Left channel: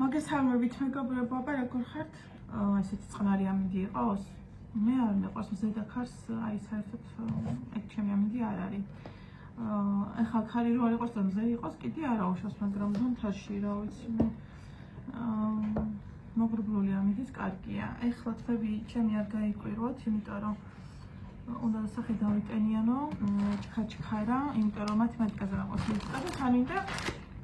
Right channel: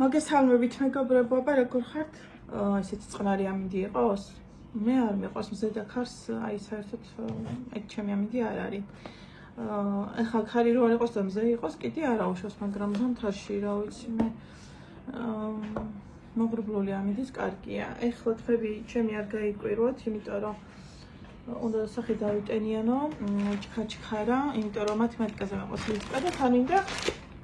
მოგესალმებით მეგობრებო, აბა როგორ ხართ? ესეთი წყნარი ამინდი იყოს? მე არ მიყვარს მზედა ქარს, აი საერთოდ ეგ ჩემი ამინდი არ არის. ეხლა ქარი რო არ იყოს და მზე იყოს, კიდე არა უშავს, მაგრამ ზამთარში რა ვიცი მე მოგრბლული ამინდის კარგია. ეხლა თვები ჩემი არ გაიკვირვოთ, იმიტომ რომ უნდა სახე დავიტენიანო, ჩქაჩქარა, იმიტომ რომ მათემატიკაზე მეყოს ლისტა და თან მინდა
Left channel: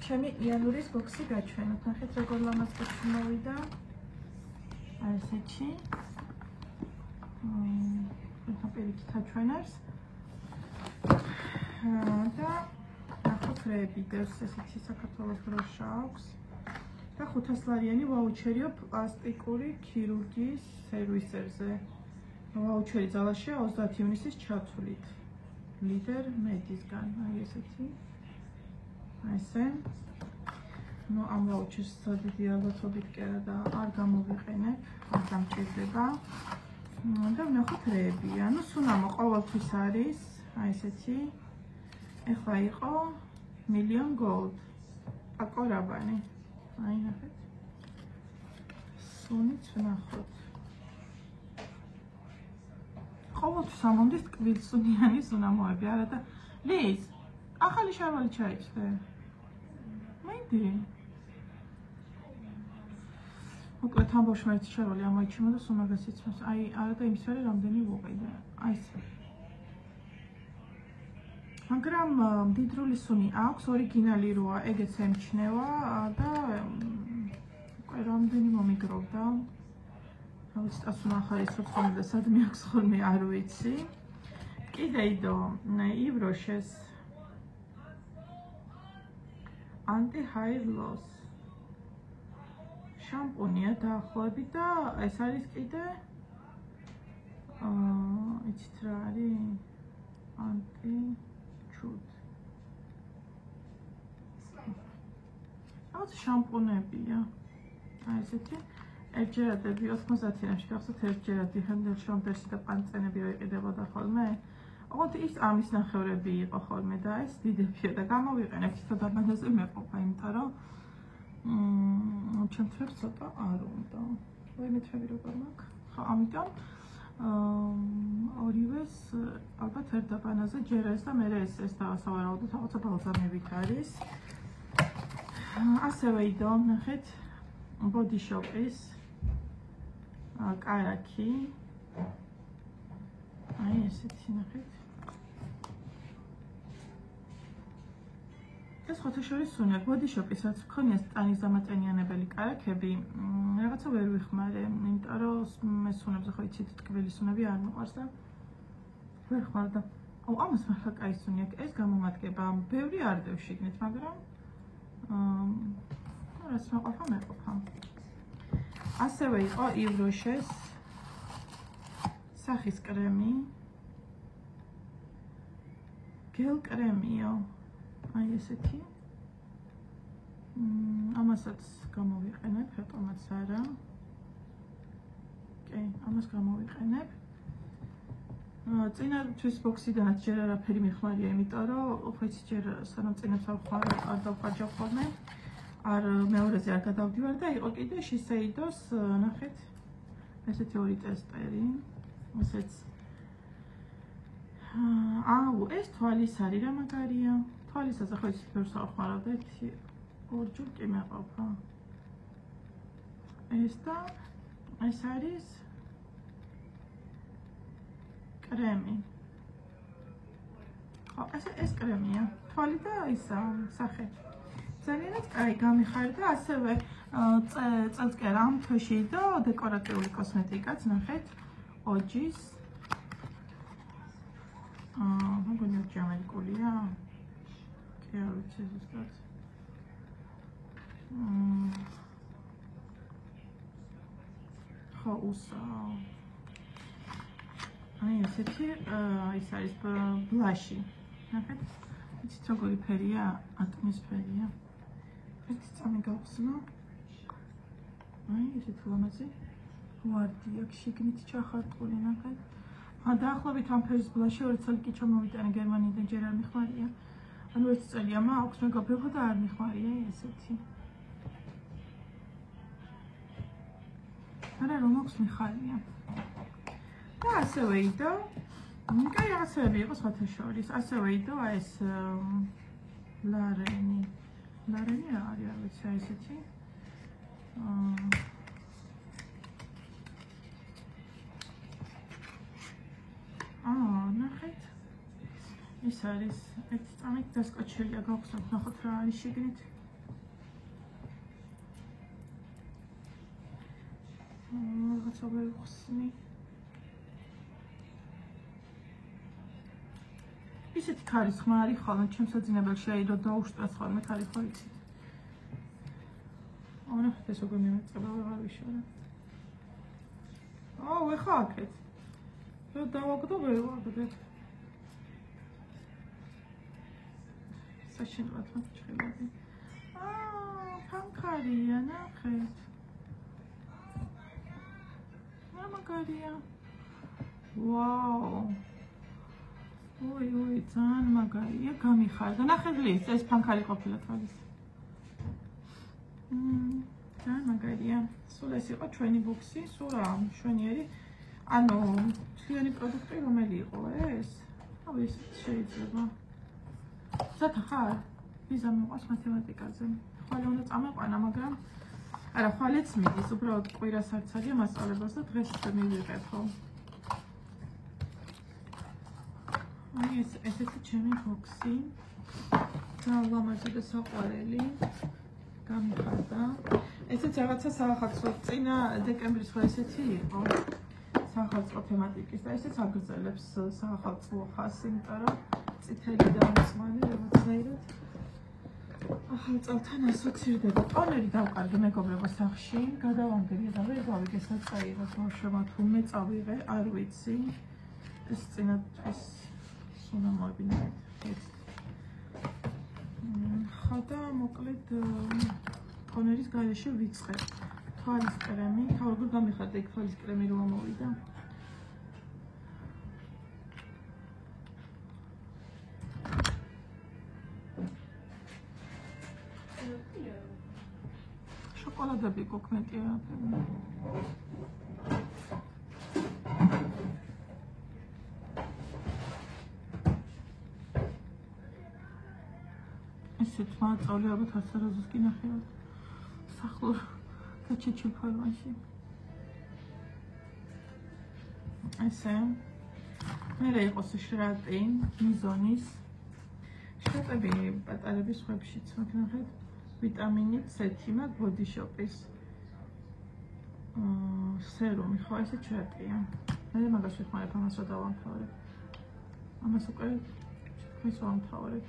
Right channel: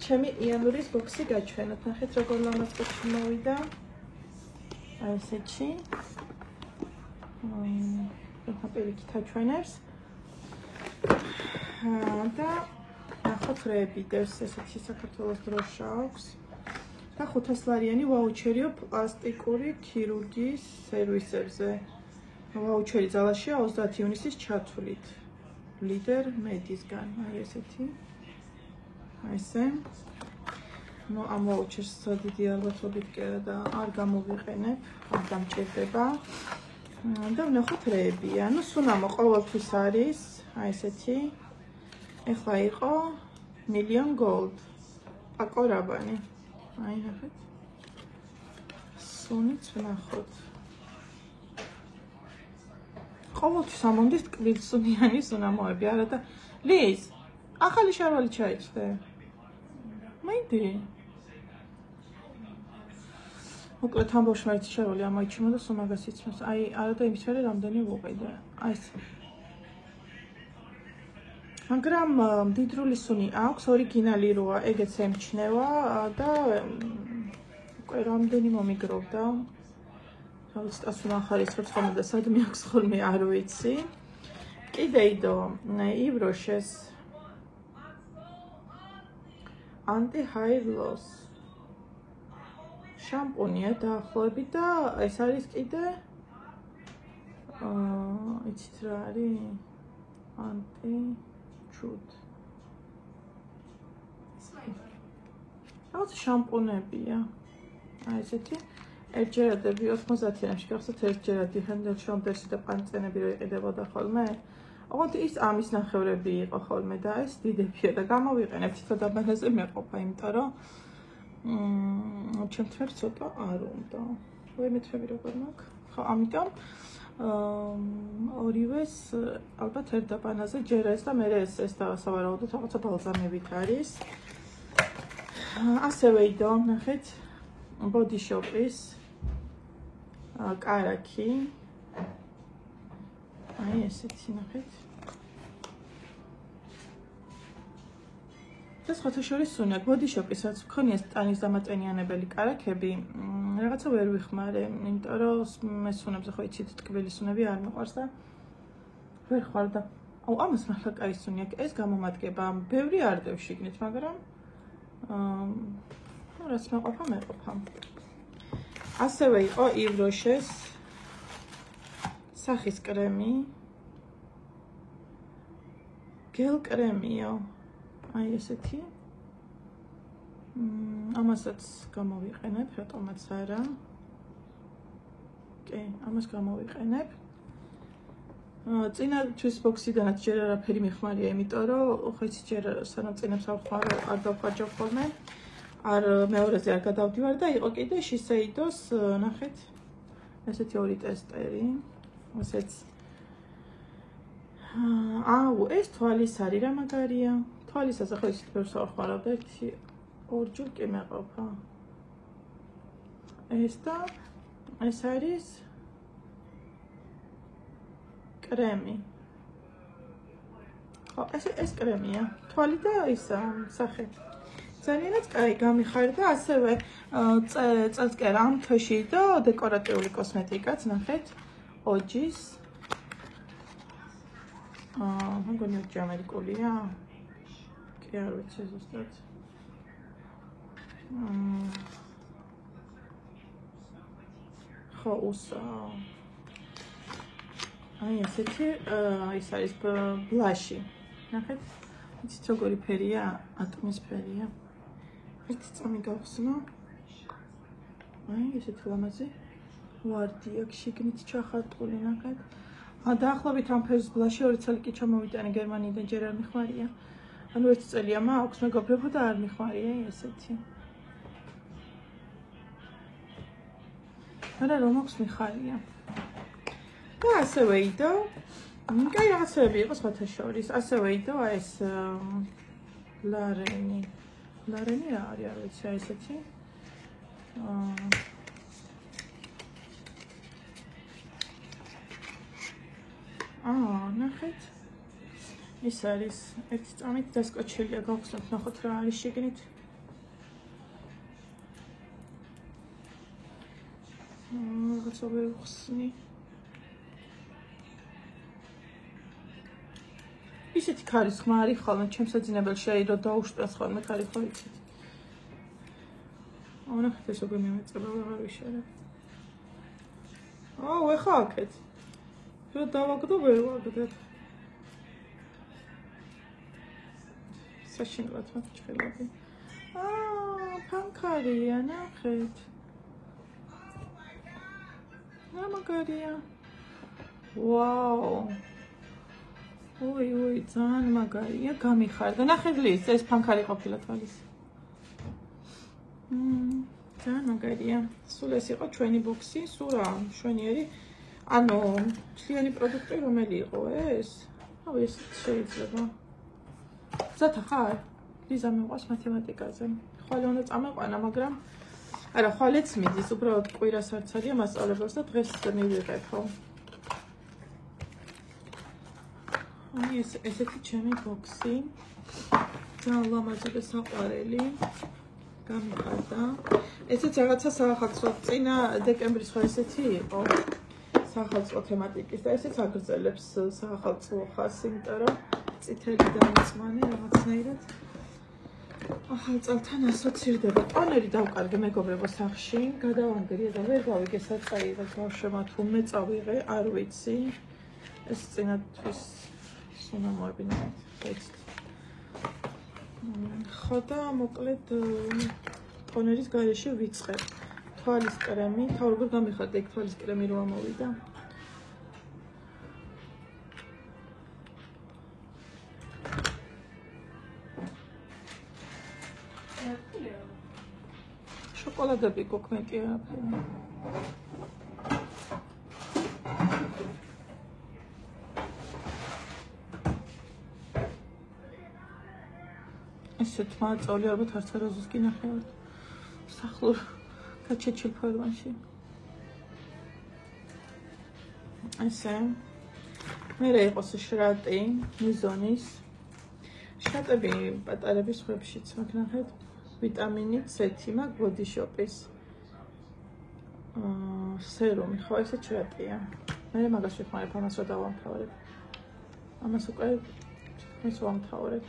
ჩემი იანვრის ბოქსი გაჩვენოთ. ნახეთ როგორ ლამაზკუჩი მოვიდა. აი ესეთი. პირიქით აჩვენებს. და ნახოთ რები, დევს ესეთი საქართველოს დროშა აქვს. და 500 ლარიანი ვაუჩერიო პლასტიკური ქირურგიის სერვისებზე. ვაუჩერი ძალაშია 30 ივნისის ჩათვლით. ლიდერ მედისგან, აი ესეთი. აი ესე. ნუ ამ ვაუჩერს დიდი ალბათობით და არ გამოვიყენებ, არ დამჭირდება. და ვნახოთ რეებია. ნუ სუნამო ყოველთვის არის, აი ესეთი. ეხლა იყო million gold. აკორაბანი. აი ნახეთ. სუნიც ვნახოთ. ყოველთვის ამონდის ტკბილსუნიანი სუნამოები, არა და ლის, ახალი შარვალი ჩაიჭდე. მაინდი. მოკლედ ამბავშმა ერთი შარვალი ამოიჩიმა და სუნაგას იცნობს. აი, არა და იმის მერე რამდენი ვუყიდე. აი ეს. მაგრამ მდიდრული სუნი აქვს, ორიგინალი როა, ეგეც ემჩნევა და უკვე რამდენი მომიგროვდა. რა ვიცი, ასუნა ახალის ხოლმე და სადმე აქვს ხოლმე არ ვიცი. კიდე იდო ივროშეს anti hair loss შამპუნია დაახლოებით და ეს არის კიდე იცით რა არის anti chud რაღაც შამპუნებია აი ესეთი ერთჯერადები 90-იანში გახსოვთ ერთჯერადი ჰენდელშონდერსი და პანწენები რო იყიდებოდა ხოლმე ოღონდ ის ამის ნახევრები იყო ხოლმე და ეს დიდებია და გამოვიყენებ თითო დაბანაზე მეყოფა, იმიტომ რომ ჩემ თვებს ცოტა არ უნდა. მე თვები როგორ მაქვს? ხო, ამიტომ ორივეს ალბათ ერთ დაბანაზე ჯერ ეს და მე ეს დავასავარაუდოთ რაღაცა ბალზამებით არის. ასევე იდო, ნახეთ, Body Shop-ის კარაქი. აი ესეთი ნახეთ. ეს ხოთაშორის სუნია Body Shop-ისაც მქონია სტანის დამაწენიანებელი კარაქები. რაღაცა ვერ ვიხმარე, იმიტომ რომ მე სუნებზე ხო იცით ტკბილი სუნები არ მიყვარს და ვერ ხარ და აუ ამას მართლა კაი სუნია. ეს გამომადგება, ბევრი არ დევს შიგნით, მაგრამ რაც მეყოფა. ასევე იყო ივროშეს სახის კრემი. გელ კრემიო. აი ესეთი. ამასაც გამოვიყენებ, რატომაც არა. კი, ამას გამოვიყენებ. წინა თვის ბოქსიდანაც ჯერ არაფერი მეხმარია, იმიტომ რომ ხო იცი ჯერ სანამ წინებს არ დავხარჯავ ხოლმე. არ მეორეზე არ გადავდივარ და იყო კიდე შისეიდოს, ნახეთ. ესეთი ორი ტესტერი. ესეც აუ, ეს თვალის არის რა მაგარია. თვალისაზე ხო ისეთ ბევრს არ ხარავდა, ერთი ორ ჯერ კი მეყოფა. ეს და ეს არის კრემი. ხო, ეს კრემია. თვალი და ისა სახე. ძალიანაც კაი გამიხარდა, ასევე წელს კი არა ამ თვეში და დეკორატიული კოსმეტიკაც, ნახეთ, ოჯის. მგონი ოჯი ამერიკულია. კი არ ვიცი ზუსტად. ხო, უსა. აი ესეთი ის არის ბლაში. ნახეთ, იცით როგორი ფერია? ატმის ფერია. ერთი წამი გავხსნა. აი ესეთი ლამაზი ვარდი აქვს შიგნით ჩახატული, ნახეთ. დაახლოებით ამ ფერის ბლაში 2 წელი კი ჩამოვიტანე გერმანიიდან, ჯერ არ მიხმარია. ანუ 1 წელია მაქვს, მეგობრებო და არ მიხმარია ესეთი. არა რომ აქვს მიხარია. და ასევე იდო, კაი რაღაცები იყო სხვათა შორის. ასევე იდო ეს ლარენი. ლარენი რა არის, არ ვიცი, აი ესეთი. ნახეთ. ის არის ერთი წამით დასკოჩილია, გავხსნათ, ნახოთ რა არის შიგნით. რაღაცა ვიხსნი. ისეთი ქარის ხმა არის ხოლმე ჩემს საძინებელში, რომ დაუშტვას ხოლმე ქარი ხო იცით. ნახეთ ეს როგორ მიმეწება, აღარ ვიშორებ. ეხა აქეთ. რო დავაგდო, ვერ ვაგდებ. საშინლად მაჩხელები. ფანქარია, ნახეთ. მაგარია. ვაუ. ოი, ძალიან მაგარია, გამიხარდა. ნახეთ ლის, ეს ფანქარი ყოფილა თვალის. ძალიან მაგარია. სულ ეს იყო ჩვენი ბოქსი, სულ რა, მშვენიერი. ანუ, მთლიანი პროდუქტი რომელი იყო ეს? ეს შეიძლება. ზათა ხარ? ლიზა მიყვარს მათემატიკაზე. ხვალე უნდა წამეყვანა, მაგრამ არა, ხვალეც მიდის, უბრალოდ კვირას არც არია მასწავლებლებს და დღეს მივიღებ, ხო? ესეთი ჩემი ბოქსი. ძალიან ლამაზი და საყვარელი. გამიხარდა. ესეც რაღაცა საახალწლო წინა დეკემბრის ხო ესეთი იყო. საახალწლო თემატიკის და ესეც აგრძელებს საახალწლო ხასს, იმიტომ რომ წითელი დაიწმანი რაღაცნაირად. ახალ წელთან ასოცირდება. ტონერი დავკარგე მეგობრებო სახში, გადავანგრია და ვერ გავიგე საწაიღო ბავშვებმა თუ მე წავიღე, არ ვიცი. ეს წინათვის სუნა მოებინეთ, ხეცით. ხო და მოკლედ ტონერის გარეშე ვიწყებ. თვალის კრემი, თავ როგორ გამიხარდა იქ თვალის კრემი რომ ამოვიდა. შოკოლადები გოქმეტია აფერი. ესეთ მაწოლი ალბათ არც არაზოს კი ნახევართ. სახლურ გაჩეჩილ ფორმაში. ესე. მერე იყოს შრატი, მიზონის. შრატები პატარების ხვებშიც მაქვს ნახეთ. ვიტამინი C მაქვს ბოდი შოპის. სერუმი, ხო ესე შრატია. მე მაგას ვიხმარებ, ამას რა დავამთავრებ. ამას უკვე თითქმის ვამთავრებ.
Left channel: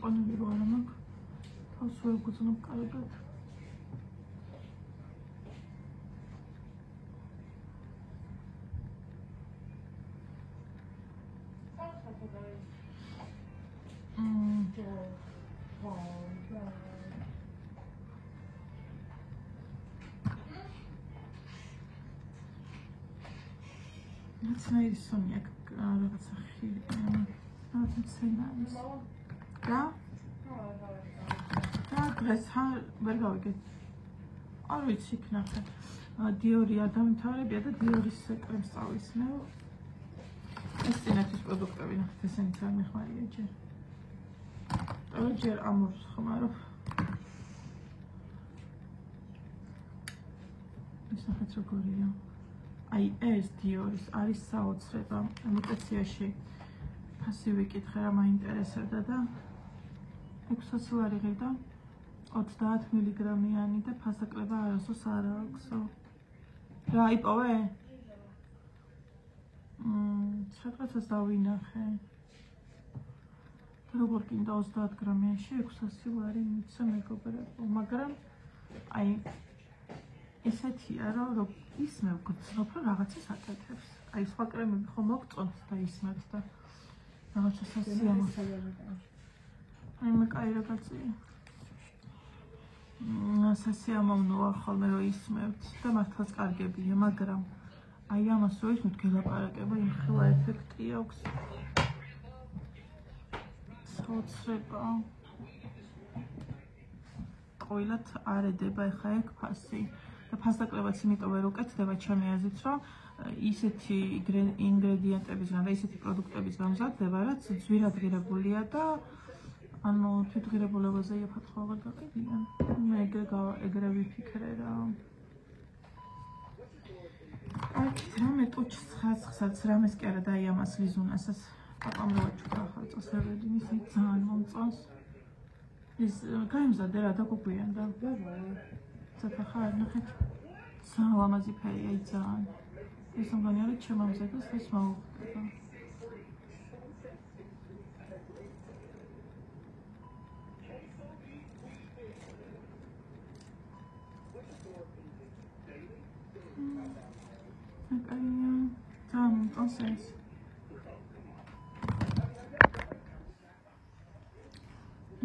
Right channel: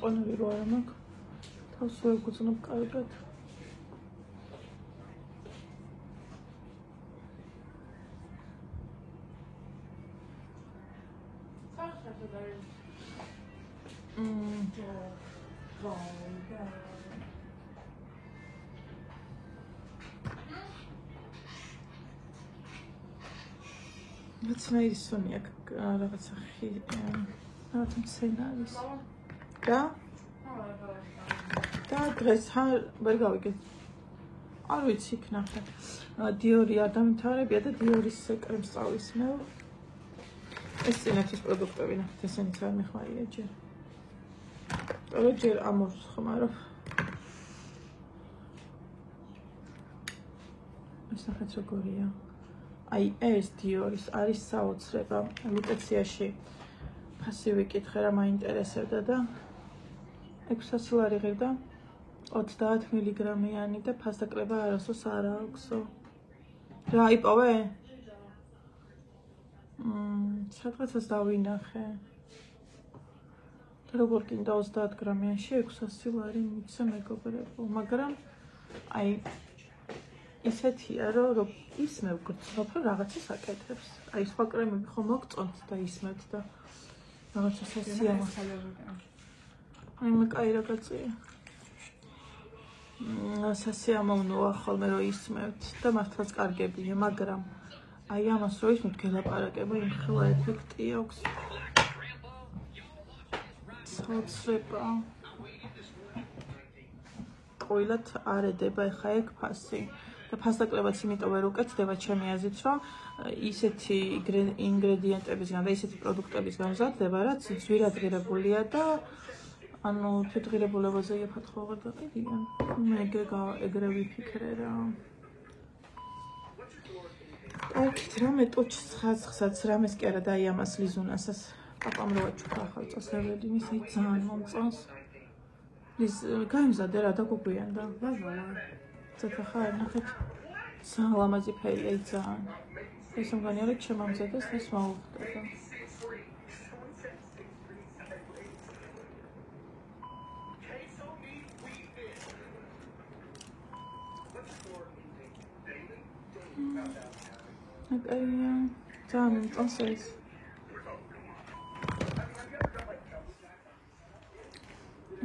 ტონერი რო არა მაქვს, თავს ვერ გუძნობ კარგად. ნაცნაირი სუნი აქვს რაღაცა რაღაც მცენარის. და დღეს ვერ გავიგე. არ ვიცი იქ ნახეთ. დიორი არ დამთავრებია და დიორის კრემს წავისმევ. ეს წინათვის პროდუქტები ნახეთ, ესენიც არ მეხმარია ჯერ. ტოლო ჯერ ამორს ხმარობ. ეს ნახეთ როგორია. აი ეს დიორის არის საოცრება. ლუტეციაში ფასივი კითხე რა მაინტერესებდა და 600 ლარი ღირდა 30 მილიგრამიანი და ფასდაკლება არასოს არ აქვსო. რა იპოვე? სადღაცას დავინახე. და როგორ კიდე 30 გრამიანში 600 ლარი მიცე მეგობრებო, მაგრამ აი ისეთია რომ ისმევ გრძნობ რომ რაღაცას აკეთებს. აი სხვა კრემები ხომ მოგწონთ და ისმევთ და რაღაცა სასიამოვნო. აი მე კაი რა გაწია. სასიამოვნოა ხოლმე რომ ისმევთ და მართლაც კარგებია, მაგრამ აი ამას რო ისმევთ გელაპარაკება, იმ ხელა ეფექტი აქვს. საოცრება. ყვილად არ ედება ეხა ეგ ფასი. და ფასდაკლებაც იმიტომ ვერ უკეთდება ჩემი აზრით, რომ ისეთი ინგრედიენტებისგან და ისეთი პროდუქტებისგან მზადდება, რაც ძვირადღირებულია და ანუ თვითღირებულებაზე იაფათხოვ აღარ გაყიდიან. მე ეგრე ვიფიქრე რა. აკეთ რამე ტუჩს ხაცხსაც რამეს კი არა დაიამას ლიზუნასაც პაპამ რო აჩუქა ახალ წელს რევედინის აი ძალიან მომწონს. ის გაიმზადე რა დაგუგვიანდა. ცოტა ხარ ნახეთ. ძალიან ლამაზი ფერია აი ძალიან. ეს მგონია რომ ჩემამზადოს ეს მოუხდება. აკაია ძალიან მომწონს ეს.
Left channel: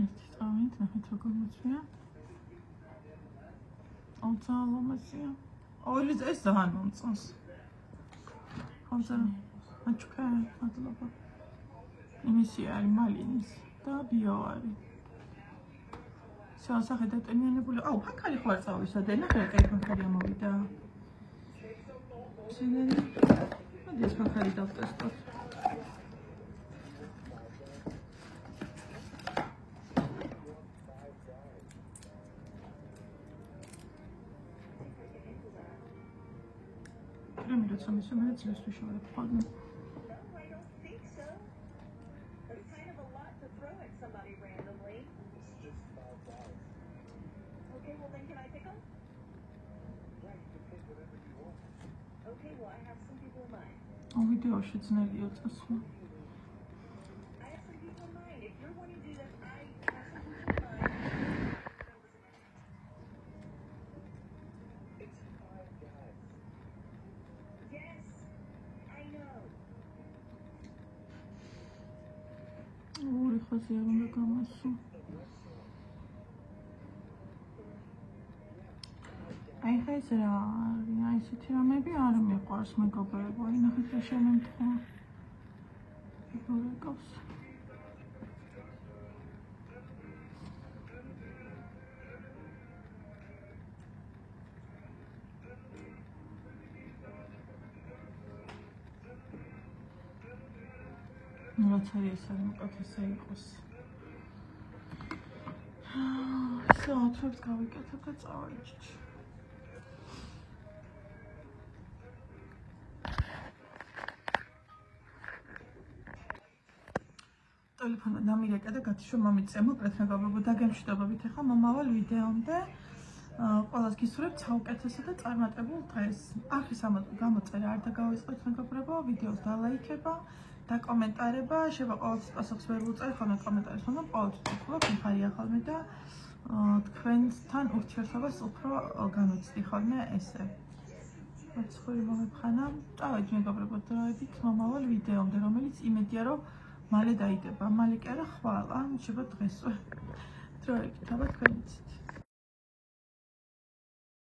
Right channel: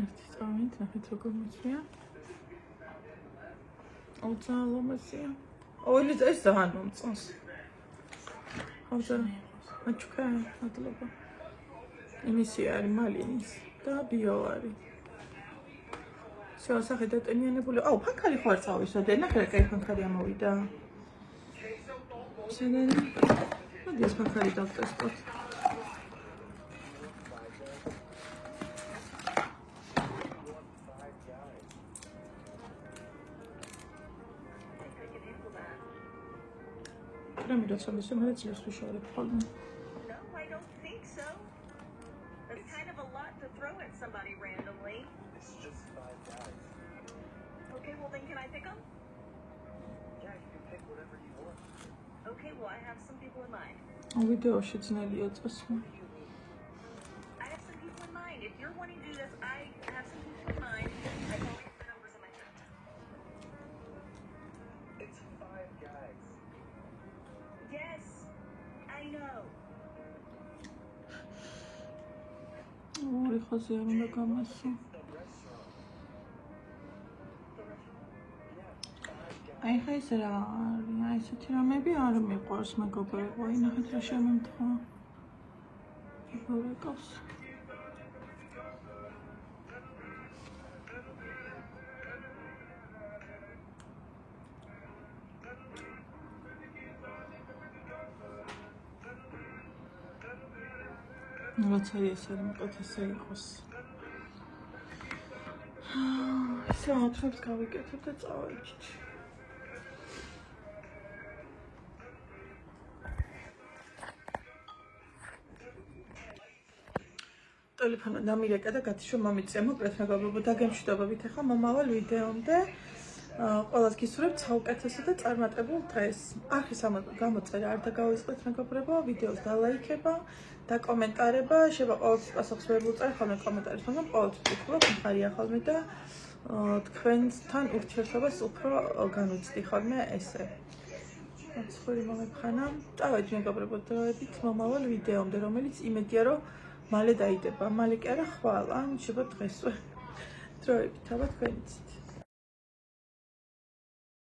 ეს ნახეთ როგორ მოწია. ძალიან ლამაზია. ეს ძალიან მომწონს. აჩუქა მადლობა. იმისი არის მალინის და ბიო არის. სახე დატენიანებული. აუ ფანქარი ხო არ წავისვადე. ნახე რა კაი ფანქარი ამოვიდა. შენელი. მოდი ეს ფანქარი დავტესტოთ. რამე როცა მისმე ძილს ვიშორებ ხოლმე. ვიდეოში ძნელია წასვლა. ორი ხაზი არ უნდა გამასო. აი ხა ეს რა არის? აი ესეთი რამები არ მიყვარს მეგობრებო. აი ნახეთ რა შემემთხვა. მეგობრებს. რაცა ეს არ მოკეთესა იყოს. საათრებს გავიკეთებ და წავეჭით. ტელეფონი დამირეკა და გათიშვა მომიწია. მოკლედ მეგობრებო, დაგემშვიდობებით ახლა მომავალ ვიდეომდე. ყველას გისურვებთ საუკეთესო და წარმატებულ დღეს. ახის გამოწერა არ დაგავიწყდეთ მეგობრებო, ვიდეოს დალაიქება და კომენტარება. შეიძლება ყოველთვის პასუხს ვერ ვუწერ ხოლმე კომენტარებს, მაგრამ ყოველთვის ვკითხულობ, მხარია ხოლმე და თქვენთან ურთიერთობას უფრო განვიცდი ხოლმე ესე. ცხვირი მომეფხანა. წავედი მეგობრებო დროებით მომავალ ვიდეომდე, რომელიც იმედია რომ მალე დაიდება. მალე კი არა ხვალ, ან შეიძლება დღესვე. დროებით, აბა თქვენიც.